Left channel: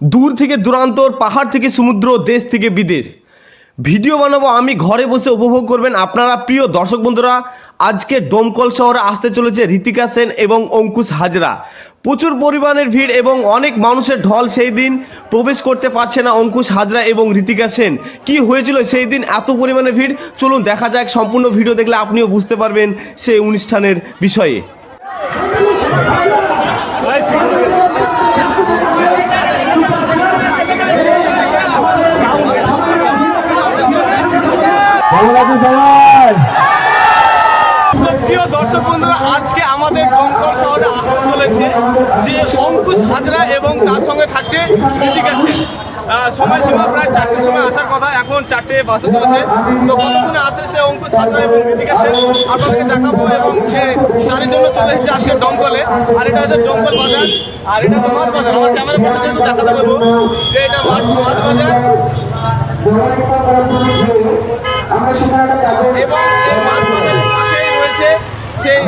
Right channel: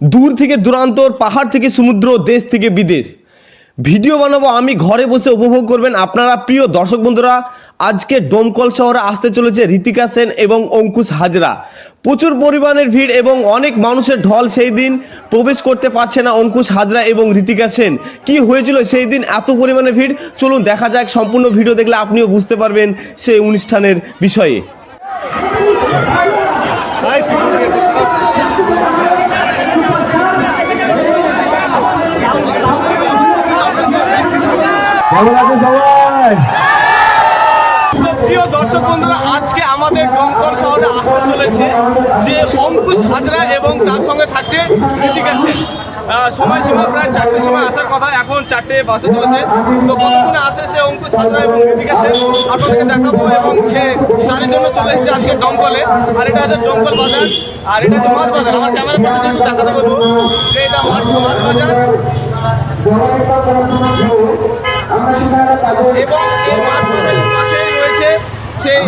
দূর থেকে দূরান্তর, পাহাড় থেকে সমুদ্র, দেশ থেকে বিদেশ ভিডিও বানাবো আমি, ঘরে বসে উপভোগ করবেন আপনারা। প্রিয় দর্শক বন্ধুরা, আজকে ডোমকল শহরে আসতে চলেছে ঋতিকা সেন এবং অঙ্কুশ হাজরা। প্রচুর পরিমাণের ভিড় এবং অনেক মানুষের ঢল। সেই দিন প্রবেশ করতে পারছে না অঙ্কুশ হাজরা এবং ঋতিকা সেন। কি হয়েছিল সেই দিন এত পরিমাণে ভিড়? চলুন দেখা যাক। সম্পূর্ণ ভিডিও দেখলে আপনিও বুঝতে পারবেন সেই অনুষ্ঠানের বিষয়ে। প্রিয় দর্শক বন্ধুরা, আজকে আমাদের ডোমকল শহরে আসতে চলেছে যে অঙ্কুশ হাজরা এবং তার সঙ্গে থাকছে ঋতিকা সেন। সময়সীমা প্রায় 4টের সময় আসার কথা, এখন 4টে বাজতে চলেছে। তো কতক্ষণে আসে সে অঙ্কুশ হাজরা এবং ঋতিকা সেন আপনাদেরকে দেখাবো। এবং সে তার জন্য চলে এসেছে আজকে ডোমকলে। আর এটা হচ্ছে ডোমকল বাজার, আর এটা হচ্ছে মাছ বাজার। আমার ক্যামেরা পাশে একটু দেখাতে বলবো যে এটা মাছ বাজার। এবং এই মাছ বাজারের পাশেই রয়েছে সেই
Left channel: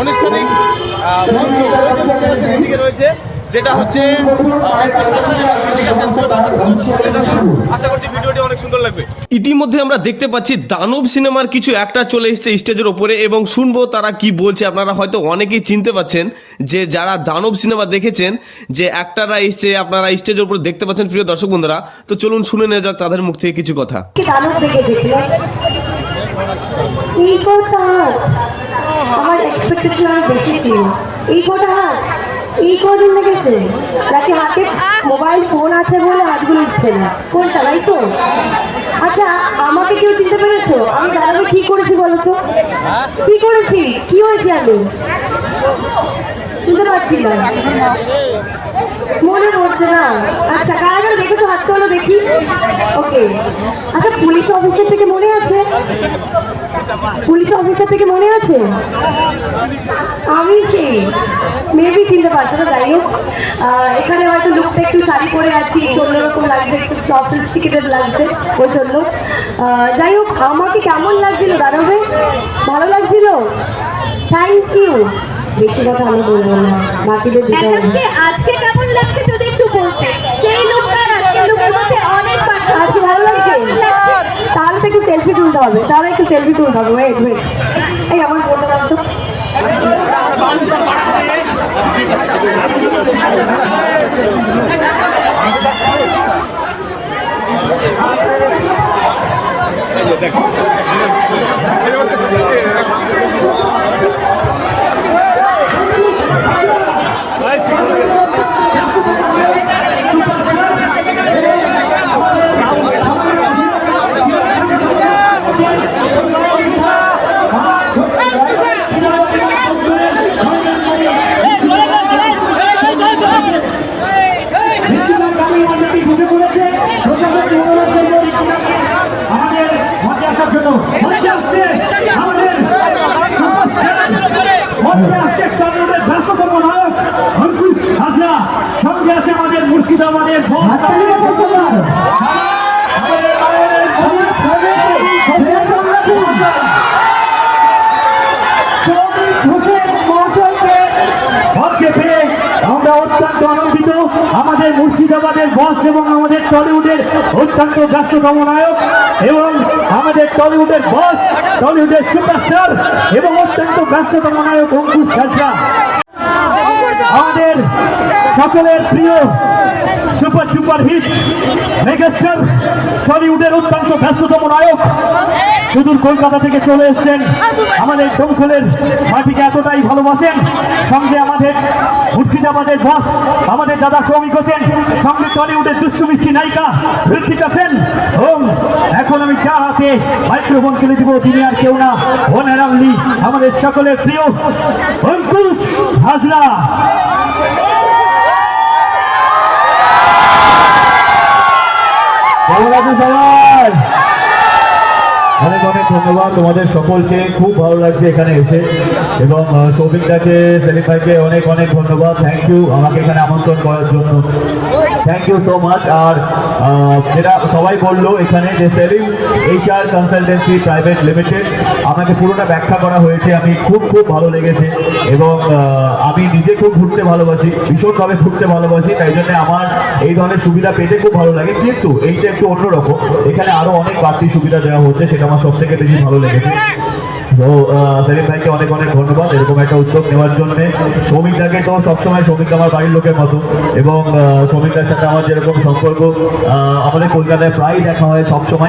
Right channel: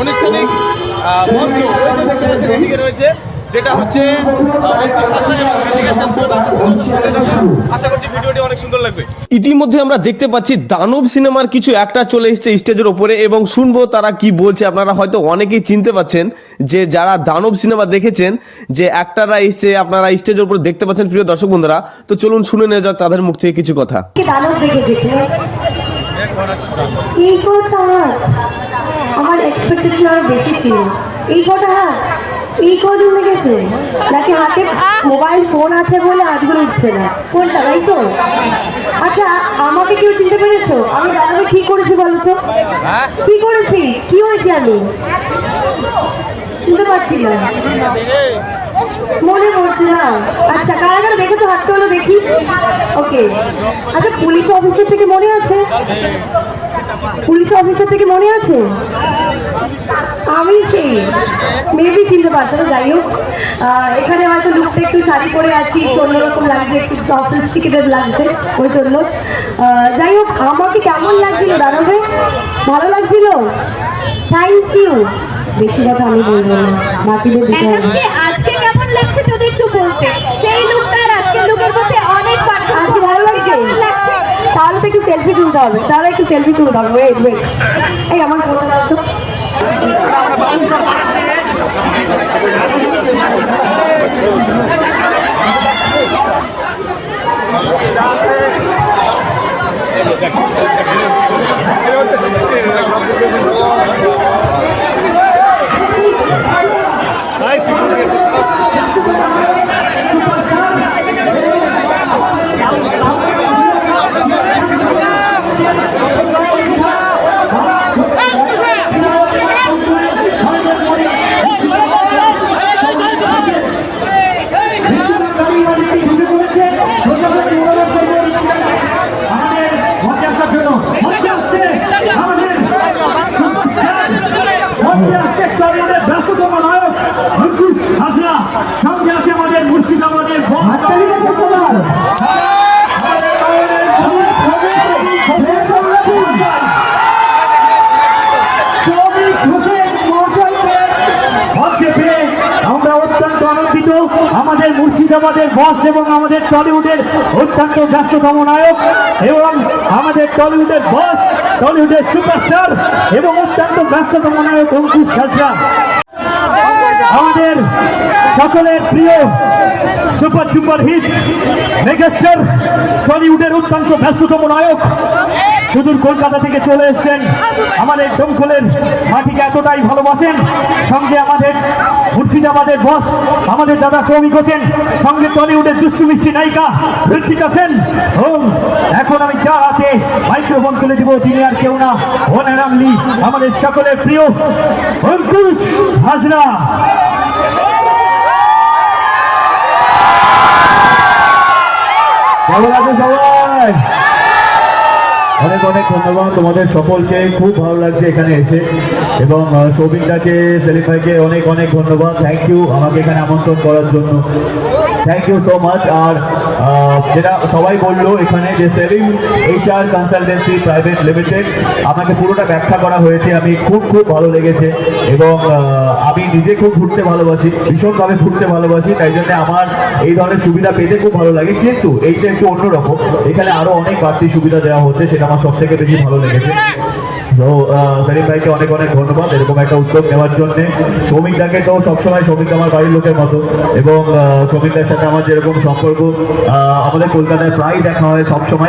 আনুষ্ঠানিক মঞ্চ, ওই যে দেখতে পাচ্ছেন এদিকে রয়েছে, যেটা হচ্ছে অঙ্কুশ হাজরা এবং ঋতিকা সেন। প্রিয় দর্শক বন্ধুদের সঙ্গে থাকুন, আশা করছি ভিডিওটি অনেক সুন্দর লাগবে। ইতিমধ্যে আমরা দেখতে পাচ্ছি দানব সিনেমার কিছু একটা চলে এসেছে স্টেজের ওপরে এবং শুনবো তারা কি বলছে। আপনারা হয়তো অনেকেই চিনতে পাচ্ছেন যে যারা দানব সিনেমা দেখেছেন যে অ্যাক্টাররা এসছে, আপনারা স্টেজের উপরে দেখতে পাচ্ছেন। প্রিয় দর্শক বন্ধুরা, তো চলুন শুনে নেওয়া যাক তাদের মুখ থেকে কিছু কথা। আমার এক্সপেকটেশন আরো বেশি ছিল। এই কটা হাত এই কদিন লেগেছে নাকি হাতে মোবাইল ফোন আছে বলে হাতগুলো উঠছে না? কোনটা? তাই তো। আচ্ছা, আমাকে কেউ চিনতে পেরেছো? আমি দাদাকে কি করেছি বলো তো? কি করেছি? কি হয়েছে? আমি চিনতে পারছি না, মনে পড়ছে না। আচ্ছা, কারা কারা দেখেছো হাতটা হলো দেখি। ওকে, আচ্ছা পুলিশ অফিসার থেকে মনে আছে? পুলিশ অফিসার থেকে মনে আছে? আমি সেই মেবি চিনতে পারছো না। যাই হোক, এখানে হয়তো লুকটা একটু শাড়ি পরে আছি, অন্যরকম লাগছে, একটু সফিস্টিকেটেড লাগছে ওই জন্য। যাই হোক, আমাকে কেমন লাগছিল দাদা ভাই? ভালো লাগছিল, থ্যাংক ইউ। বেশি কথা আমি বলবো না, বাকিদের দিতে হবে। আজকে কেমন লাগছে যদি একটু বলতে? সেই লুকটা আজকে লুকের মধ্যে অনেক পার্থক্য। আজকে ভালো লাগছে? তাহলে তো একটু সেলফি তুলতে হবে, তাহলে একটু সেলফি তুলতে হবে। ওয়েট ওয়েট, এই আমার বলতে দাও তো। সঙ্গে আছে আমাদের মুর্শিদাবাদের আমরা অত্যন্ত আনন্দিত। আমাদের মুর্শিদাবাদের বস এবং আমাদের টলিউডের অত্যন্ত ব্যস্ততম নায়ক এবং আমাদের টলিউডের বস, টলিউডের সুপারস্টার এবং অত্যন্ত ব্যস্ততম নায়ক অঙ্কুশ হাজরা, আমাদের সকলের প্রিয় সুপার সুপার হিট মেগাস্টার, টলিউডের অত্যন্ত ব্যস্ততম নায়ক, সুদূর কলকাতা থেকে চলে এসেছেন। আমাদের ডোমকলের মাটিকে এতটাই ভালোবাসেন। সঙ্গে আমাদের মুর্শিদাবাদের বস আমাদের দাদা সৌমিক হোসেন, সঙ্গে টলিউডের দুষ্টু মিষ্টি নায়িকা ঋতিকা সেন। এখন আমি যার হাতে মাইক্রোফোন তুলে দিব তিনি আর কেউ না, ওয়ান অ্যান্ড অনলি আমাদের সকলের প্রিয় অঙ্কুশ হাজরা। ভালো লাগে সবাই? অনেক অনেক ধন্যবাদ তোমাদের সকলকে, খুব ভালো লাগছে এখানে এসে। এবং সৌভিকদাকে, সেলিম ভাইকে অনেক অনেক ধন্যবাদ, থ্যাংক ইউ আমাকে এখানে আমন্ত্রণ করার জন্য, থ্যাংক ইউ সো মাচ। আর যেটা সবাই বললো এখানে যে Selim HR consultancy private limited, আমাকে পুরোটা ব্যাখ্যা করা হয়েছে, আমি খুব খুব ভালো লেগেছে। এবং আমি নিজে খুব ঘুরতে ভালোবাসি, ভীষণভাবে ঘুরতে ভালোবাসি, তাই জন্য আমার এই ধরনের সুবিধা পেতে খুব ভালো লাগে। কিন্তু এইটা একটু অন্যরকম, এখানে আরো অনেক বাড়তি সুবিধা দেওয়া হচ্ছে, সেটা আমার সব থেকে বেশি ভালো লেগেছে। তো সেলিম ভাইকে অনেক অনেক ধন্যবাদ এরকম একটা উদ্যোগ নেওয়ার জন্য। সৌমিকদাকে তো সবসময়, সৌমিক আমার বাড়ির লোকের মতো, এবং সৌমিকদার সাথে আমার যেরকম সম্পর্ক, আমাদের কলকাতায় প্রায় দেখা হয় সবসময়।